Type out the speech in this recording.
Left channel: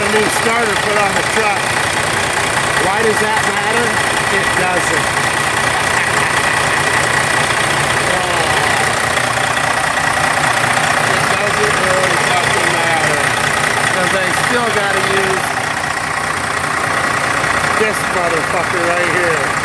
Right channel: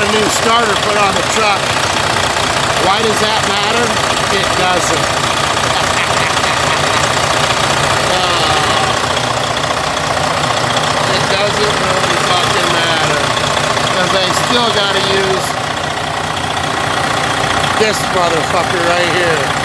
want a new starter put on the truck. Why does that matter? It doesn't. It doesn't really fucking matter. Because they still gotta use this motherfucker right here.